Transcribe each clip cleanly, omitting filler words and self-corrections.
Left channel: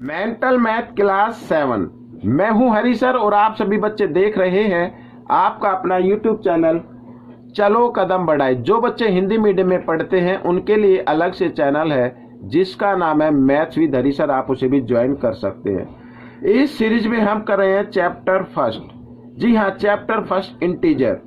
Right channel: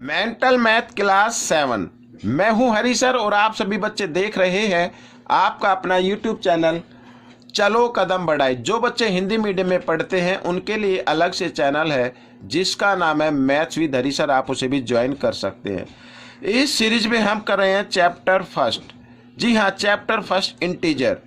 Mental math class 7। मैं हूं हरी sir और आप सभी बच्चे देख रहे हैं आपका अपना यूट्यूब चैनल चलो कदम बढ़ाए। जो बच्चे हिंदी मीडियम में पढ़ते हैं उनके लिए अलग से चैनल है जिसका नाम है मैथ्स विद हरी सर, आप उसे भी ज्वाइन कर सकते हैं। इस सीरीज में हम कर रहे हैं चैप्टर फर्स्ट। जी हाँ, चैप्टर फर्स्ट इंटीजर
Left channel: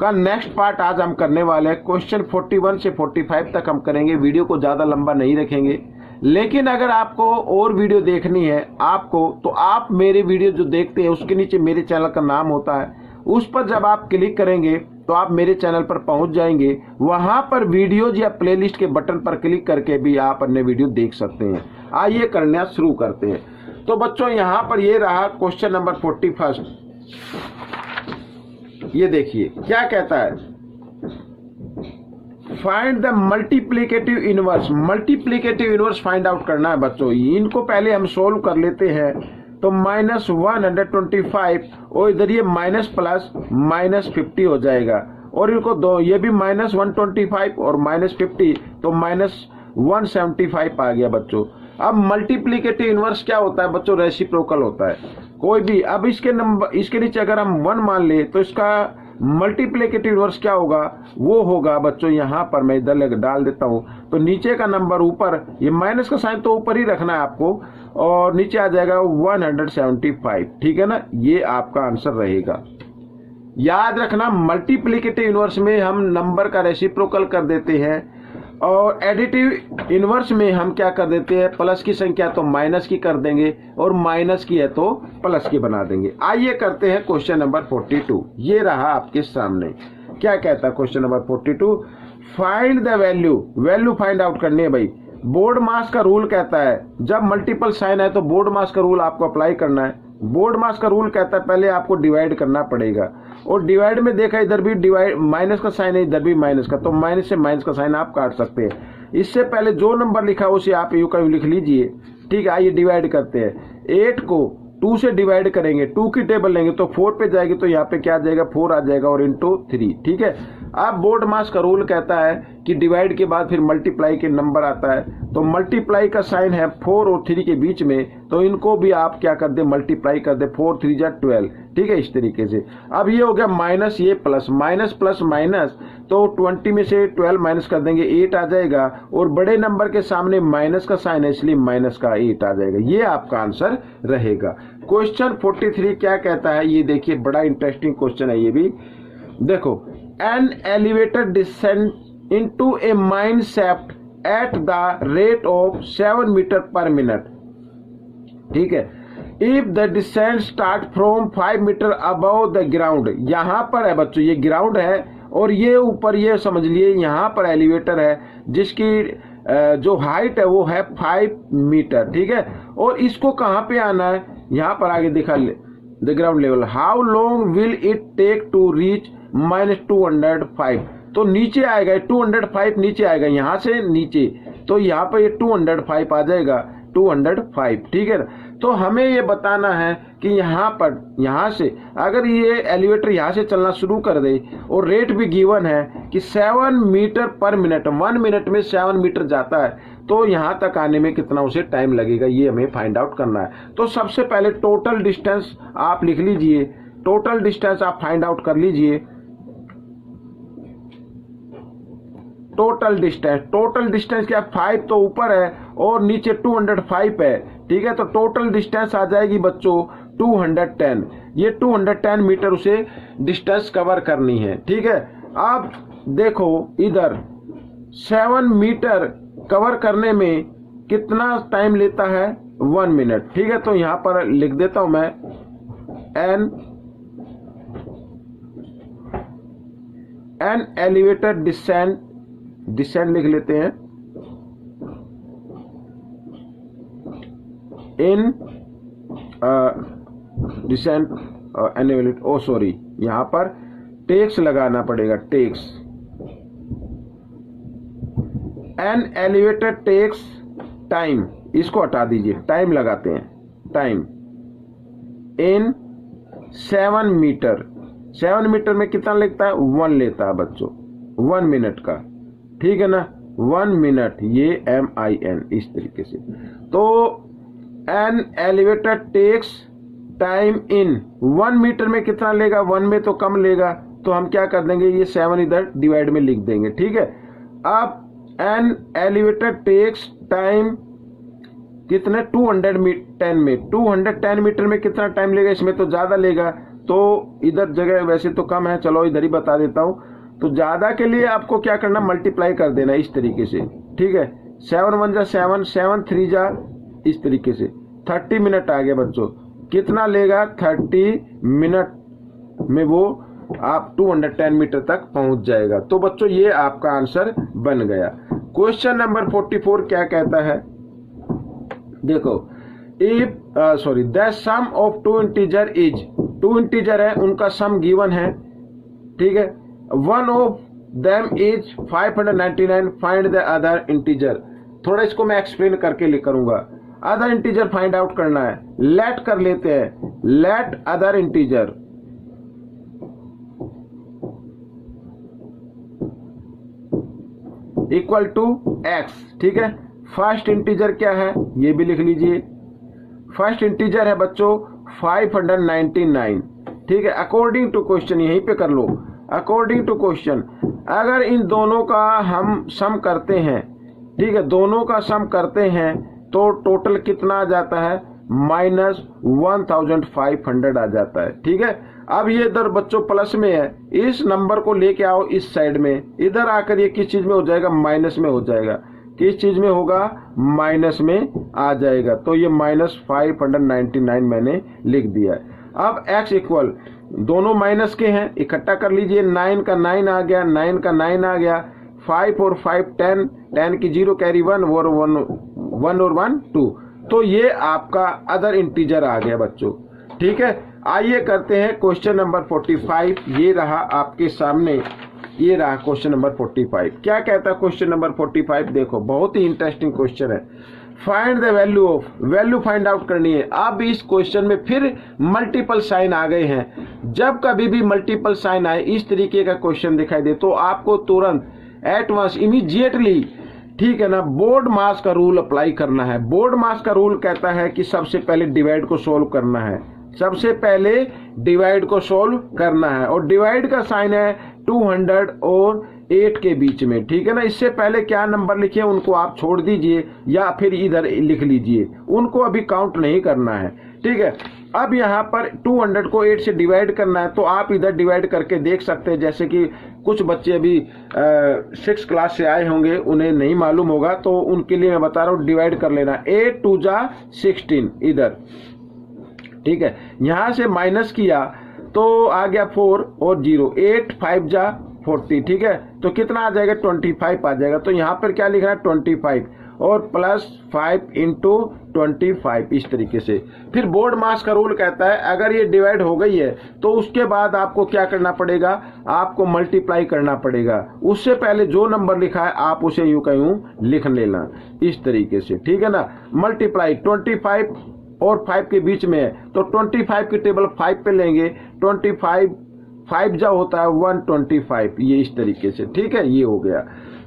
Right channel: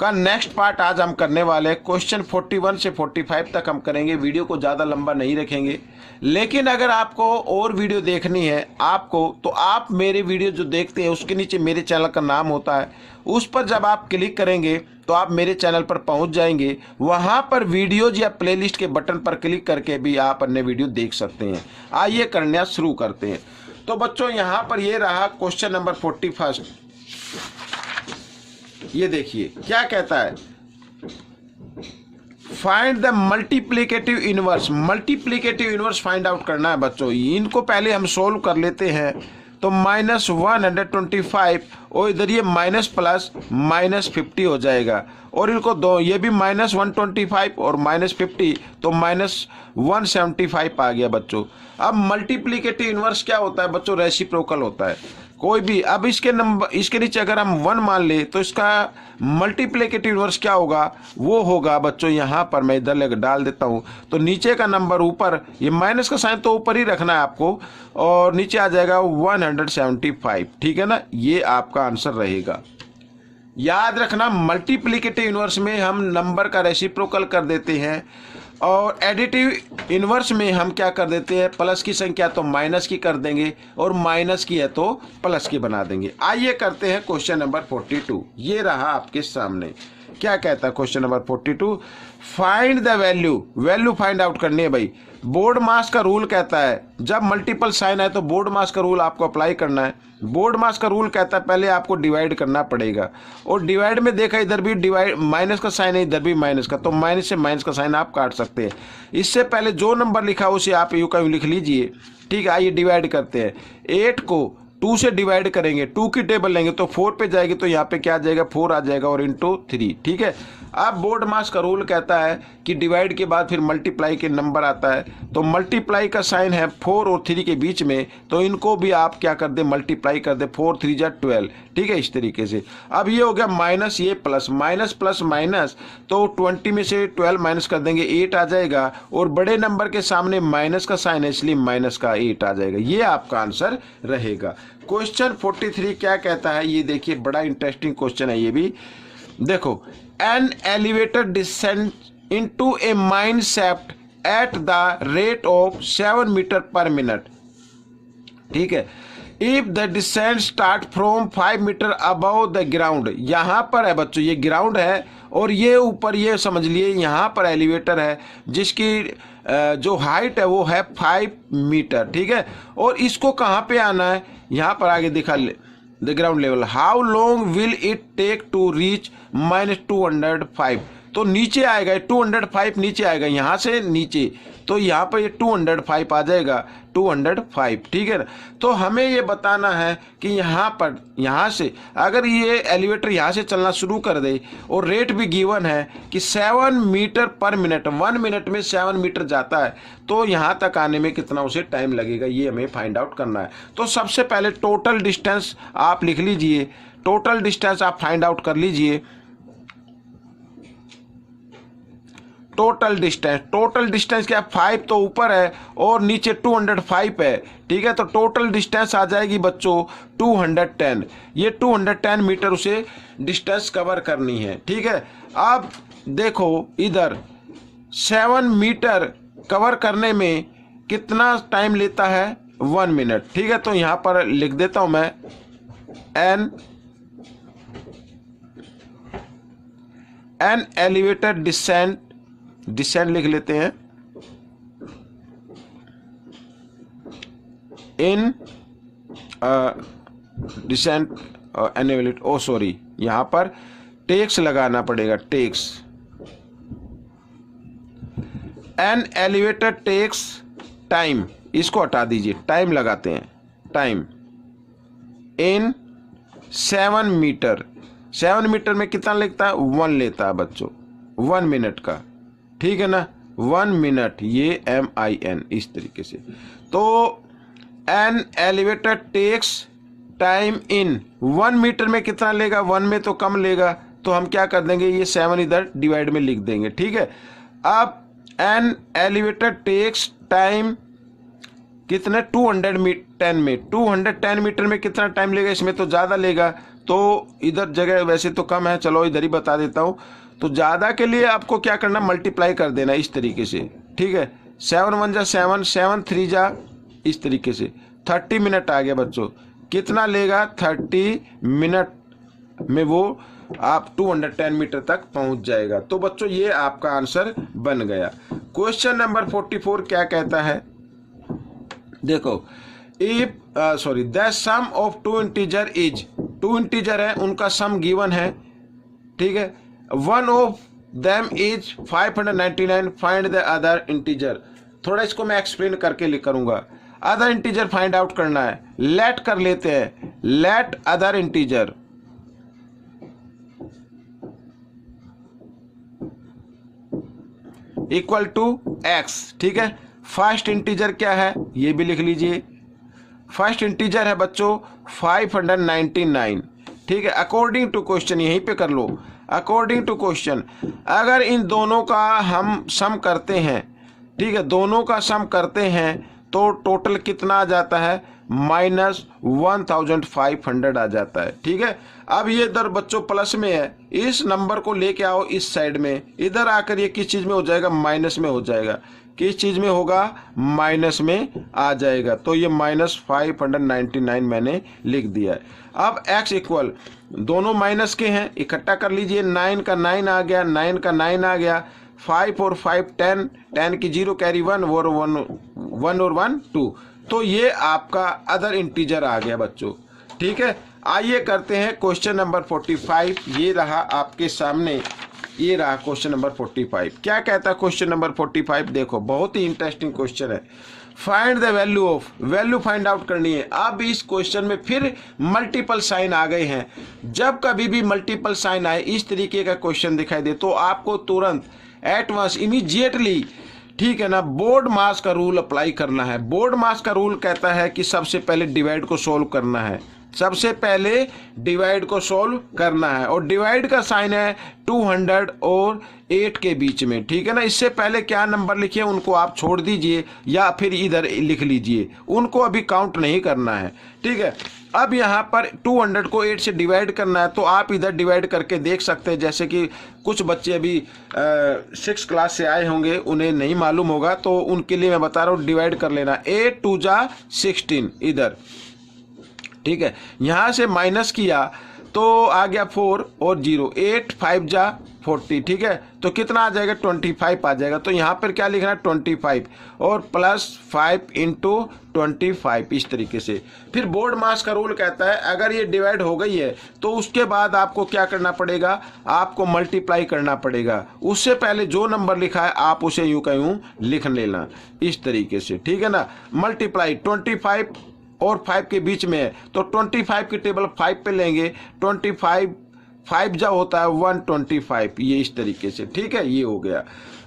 का नेक्स्ट पार्ट आज हम करने वाले हैं। क्वेश्चन 41 से 45 तक हम करेंगे। वीडियो को ज़्यादा लंबा नहीं रखेंगे, लेकिन अगर आपको और वीडियो देखनी है आपको, तो आप मेरे वीडियो जो देखते हैं उसके नीचे मेरे चैनल का नाम होता है, उस पर जब आप क्लिक करेंगे तो आप मेरे चैनल पर पहुंच जाएंगे। वहां पर वीडियोज या प्लेलिस्ट के बटन पर क्लिक करके भी आप अन्य वीडियो देख सकते हैं। आइए करना शुरू करते हैं। तो बच्चों यहाँ पर ये रहा क्वेश्चन नंबर 41। ये देखिए क्या कहता है, find the multiplicative inverse. Multiplicative inverse find out करना है बच्चों। इनको पहले हम सोल्व कर लेते हैं। तो -125 और इधर ये माइनस प्लस -50 हो जाएगा, और इनको दो, ये भी -125 और -50, तो -175 आ गया बच्चों। अब मल्टीप्लिकेटिव इनवर्स क्या होता है बच्चों? रेसिप्रोकल होता है। कोई भी, अब इसके नंबर, इसके नीचे अगर हम 1 मान ले तो इसका मल्टीप्लिकेटिव इनवर्स क्या होगा? वो होगा बच्चों, यहाँ पर मैं इधर डाल देता हूँ, तो नीचे का नंबर ऊपर, ये माइनस का साइन तो ऊपर ही रखना है आपको, और नीचे आ जाएगा 175। ठीक है ना, ये आपका आंसर रहेगा। याद रखना, मल्टीप्लिकेटिव इनवर्स में हम नंबर का रेसिप्रोकल कर देते हैं, और एडिटिव इनवर्स में हम क्या कर देते हैं? प्लस की संख्या तो माइनस की कर देंगे, और माइनस की है तो प्लस की बना देंगे। आइए करते हैं क्वेश्चन नंबर 42। ये रहा आपके सामने। क्या कहता है question number 42? Find the value. Value find out करनी है भाई। बोर्ड मास का रूल कहता है जब मल्टीपल साइन है तो बोर्ड मास का रूल आपको अप्लाई करना है। बोर्ड मास का रूल कहता है पहले आपको डिवाइड करना पड़ेगा, और डिवाइड में देखा इधर भी डिवाइड माइनस का साइन है, इधर भी माइनस का, तो माइनस से माइनस का साइन आप काट सकते हैं। इससे पहले जो नंबर लिखा है उसे आप यूं का यूं लिख लीजिए। ठीक है, आइए डिवाइड करते हैं। 8 को 2 से डिवाइड करेंगे, 2 की टेबल लेंगे तो 4 पे जाएगी, तो यहाँ पे क्या आ जाएगा? 4 आ जाएगा, और इंटू 3। ठीक है, अब बोर्ड मास का रूल कहता है कि डिवाइड के बाद फिर मल्टीप्लाई के नंबर आता है, तो मल्टीप्लाई का साइन है 4 और 3 के बीच में, तो इनको भी आप क्या कर दे? मल्टीप्लाई कर दे। 4 3 जा 12। ठीक है, इस तरीके से। अब ये हो गया माइनस, ये प्लस, माइनस प्लस माइनस, तो 20 में से 12 माइनस कर देंगे, 8 आ जाएगा, और बड़े नंबर के सामने माइनस का साइन है इसलिए माइनस का 8 आ जाएगा। ये आपका आंसर रहेगा। क्वेश्चन 43 क्या कहता है? ये देखिए, बड़ा इंटरेस्टिंग क्वेश्चन है ये भी। देखो, an elevator descend into a mine shaft at the rate of 7 metre per minute. ठीक है, if the descent start from 5 metre above the ground. यहाँ पर है बच्चों, ये ग्राउंड है, और ये ऊपर, ये समझ लिए यहाँ पर एलिवेटर है जिसकी जो हाइट है वो है 5 मीटर। ठीक है, और इसको कहाँ पे आना है? यहाँ पर आगे दिखा the ground level. How long will it take to reach -205। तो नीचे आएगा 205, नीचे आएगा यहाँ से नीचे, तो यहाँ पर ये 205 आ जाएगा, 205। ठीक है, तो हमें ये बताना है कि यहाँ पर, यहाँ से अगर ये एलिवेटर यहाँ से चलना शुरू कर दे, और रेट भी गिवन है कि 7 मीटर पर मिनट, 1 मिनट में 7 मीटर जाता है, तो यहाँ तक आने में कितना उसे टाइम लगेगा, ये हमें फाइंड आउट करना है। तो सबसे पहले टोटल डिस्टेंस आप लिख लीजिए, टोटल डिस्टेंस आप फाइंड आउट कर लीजिए। टोटल डिस्टेंस क्या? 5 तो ऊपर है और नीचे 205 है। ठीक है, तो टोटल डिस्टेंस आ जाएगी बच्चों 210। ये 210 मीटर उसे डिस्टेंस कवर करनी है। ठीक है, अब देखो इधर 7 मीटर कवर करने में कितना टाइम लेता है? 1 मिनट। ठीक है, तो यहां पर लिख देता हूं मैं एन एलिवेटर डिसेंट लिख लेते हैं in descent elevator. Oh sorry, यहां पर टेक्स लगाना पड़ेगा, takes. An elevator takes time, इसको हटा दीजिए, टाइम लगाते हैं, टाइम इन 7 मीटर। 7 मीटर में कितना लगता है? 1 लेता है बच्चों, 1 मिनट का। ठीक है ना, 1 मिनट, ये MIN, इस तरीके से। तो an elevator takes time in 1 metre में कितना लेगा, 1 में तो कम लेगा, तो हम क्या कर देंगे, ये 7 इधर डिवाइड में लिख देंगे, ठीक है। अब एन एलिवेटर टेक्स टाइम कितना 210 में 210 मीटर में कितना टाइम लेगा, इसमें तो ज़्यादा लेगा, तो इधर जगह वैसे तो कम है, चलो इधर ही बता देता हूँ। तो ज़्यादा के लिए आपको क्या करना, मल्टीप्लाई कर देना इस तरीके से, ठीक है। 7 1 जा 7, 7 3 जा, इस तरीके से 30 मिनट आ गया बच्चों। कितना लेगा, 30 मिनट में वो आप 210 मीटर तक पहुंच जाएगा। तो बच्चों ये आपका आंसर बन गया। क्वेश्चन नंबर 44 क्या कहता है, देखो, the sum of 2 integer is, 2 integer है उनका सम गिवन है, ठीक है। One of them is 599, find the other integer. थोड़ा इसको मैं एक्सप्लेन करके लिख करूंगा। अदर इंटीजर फाइंड आउट करना है, लेट कर लेते हैं, let other integer equal to x, ठीक है। फर्स्ट इंटीजर क्या है ये भी लिख लीजिए, फर्स्ट इंटीजर है बच्चों 599, ठीक है। अकॉर्डिंग टू क्वेश्चन, यहीं पे कर लो, अकॉर्डिंग टू क्वेश्चन अगर इन दोनों का हम सम करते हैं, ठीक है, दोनों का सम करते हैं तो टोटल कितना आ जाता है, -1500 आ जाता है, ठीक है। अब ये इधर बच्चों प्लस में है, इस नंबर को लेके आओ इस साइड में, इधर आकर ये किस चीज में हो जाएगा, माइनस में हो जाएगा। किस चीज में होगा, माइनस में आ जाएगा। तो ये -599 मैंने लिख दिया है। अब x इक्वल, दोनों माइनस के हैं, इकट्ठा कर लीजिए, 9 का 9 आ गया, 9 का 9 आ गया, 5 और 5 10, 10 की 0 कैरी 1 और 1 और 1 2। तो ये आपका अदर इंटीजर आ गया बच्चों, ठीक है। आइए करते हैं क्वेश्चन नंबर 45। ये रहा आपके सामने, ये रहा क्वेश्चन नंबर 45। क्या कहता है क्वेश्चन नंबर 45, देखो बहुत ही इंटरेस्टिंग क्वेश्चन है। Find the value of, value find out करनी है। अब इस क्वेश्चन में फिर मल्टीपल साइन आ गए हैं। जब कभी भी मल्टीपल साइन आए, इस तरीके का क्वेश्चन दिखाई दे, तो आपको तुरंत एट वंस इमीडिएटली, ठीक है ना, बोर्ड मास का रूल अप्लाई करना है। बोर्ड मास का रूल कहता है कि सबसे पहले डिवाइड को सोल्व करना है, सबसे पहले डिवाइड को सोल्व करना है, और डिवाइड का साइन है 200 और 8 के बीच में, ठीक है ना। इससे पहले क्या नंबर लिखे उनको आप छोड़ दीजिए या फिर इधर लिख लीजिए, उनको अभी काउंट नहीं करना है, ठीक है। अब यहाँ पर 200 को 8 से डिवाइड करना है, तो आप इधर डिवाइड करके देख सकते हैं। जैसे कि कुछ बच्चे अभी 6 क्लास से आए होंगे, उन्हें नहीं मालूम होगा, तो उनके लिए मैं बता रहा हूँ, डिवाइड कर लेना। 8 2 जा 16 इधर, ठीक है। यहां से माइनस किया तो आ गया 4 और 0, 8 5 जा 40, ठीक है। तो कितना आ जाएगा, 25 आ जाएगा। तो यहाँ पर क्या लिखना है, 25 और प्लस 5 इंटू 25, इस तरीके से। फिर बोर्ड मास का रूल कहता है अगर ये डिवाइड हो गई है तो उसके बाद आपको क्या करना पड़ेगा, आपको मल्टीप्लाई करना पड़ेगा। उससे पहले जो नंबर लिखा है आप उसे यूं का यूं लिख लेना, इस तरीके से, ठीक है ना। मल्टीप्लाई 25 और 5 के बीच में है, तो 25 की टेबल 5 पे लेंगे, 25 5 जा होता है 125, ये इस तरीके से, ठीक है। ये हो गया।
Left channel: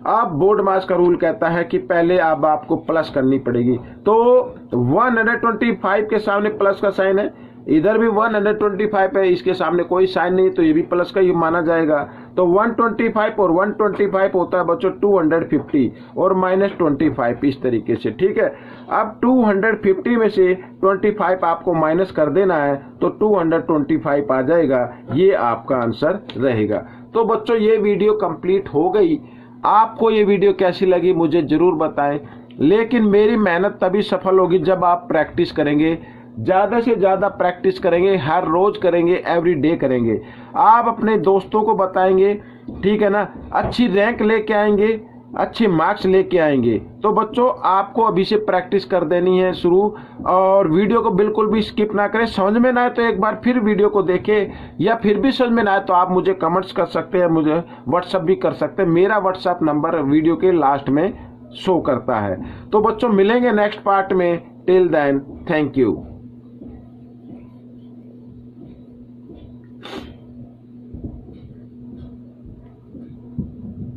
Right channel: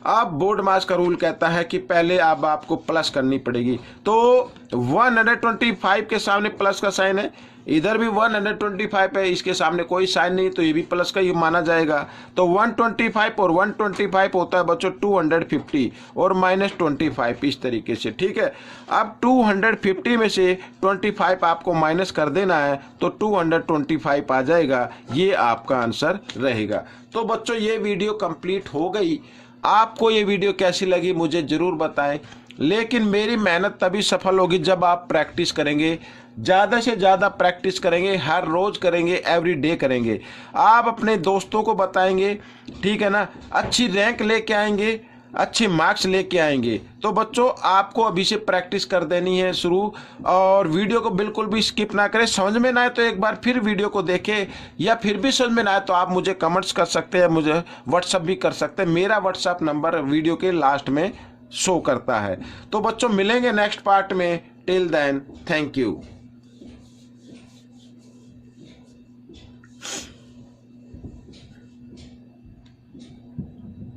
अब बोर्ड मास का रूल कहता है कि पहले अब आपको प्लस करनी पड़ेगी, तो 125 के सामने प्लस का साइन है, इधर भी 125 है, इसके सामने कोई साइन नहीं, तो ये भी प्लस का ही माना जाएगा। तो 125 और 125 होता है बच्चों 250 और -25, इस तरीके से, ठीक है। अब 250 में से 25 आपको माइनस कर देना है, तो 225 आ जाएगा। ये आपका आंसर रहेगा। तो बच्चों ये वीडियो कंप्लीट हो गई। आपको ये वीडियो कैसी लगी मुझे ज़रूर बताएं, लेकिन मेरी मेहनत तभी सफल होगी जब आप प्रैक्टिस करेंगे, ज़्यादा से ज़्यादा प्रैक्टिस करेंगे, हर रोज़ करेंगे, एवरी डे करेंगे। आप अपने दोस्तों को बताएंगे, ठीक है ना, अच्छी रैंक लेके आएंगे, अच्छे मार्क्स लेके आएंगे। तो बच्चों आपको अभी से प्रैक्टिस कर देनी है शुरू, और वीडियो को बिल्कुल भी स्किप ना करें। समझ में ना आए तो एक बार फिर वीडियो को देखें, या फिर भी समझ में ना आए तो आप मुझे कमेंट्स कर सकते हैं, मुझे व्हाट्सअप भी कर सकते हैं। मेरा व्हाट्सअप नंबर वीडियो के लास्ट में शो करता है। तो बच्चों मिलेंगे नेक्स्ट पार्ट में। Till then, thank you.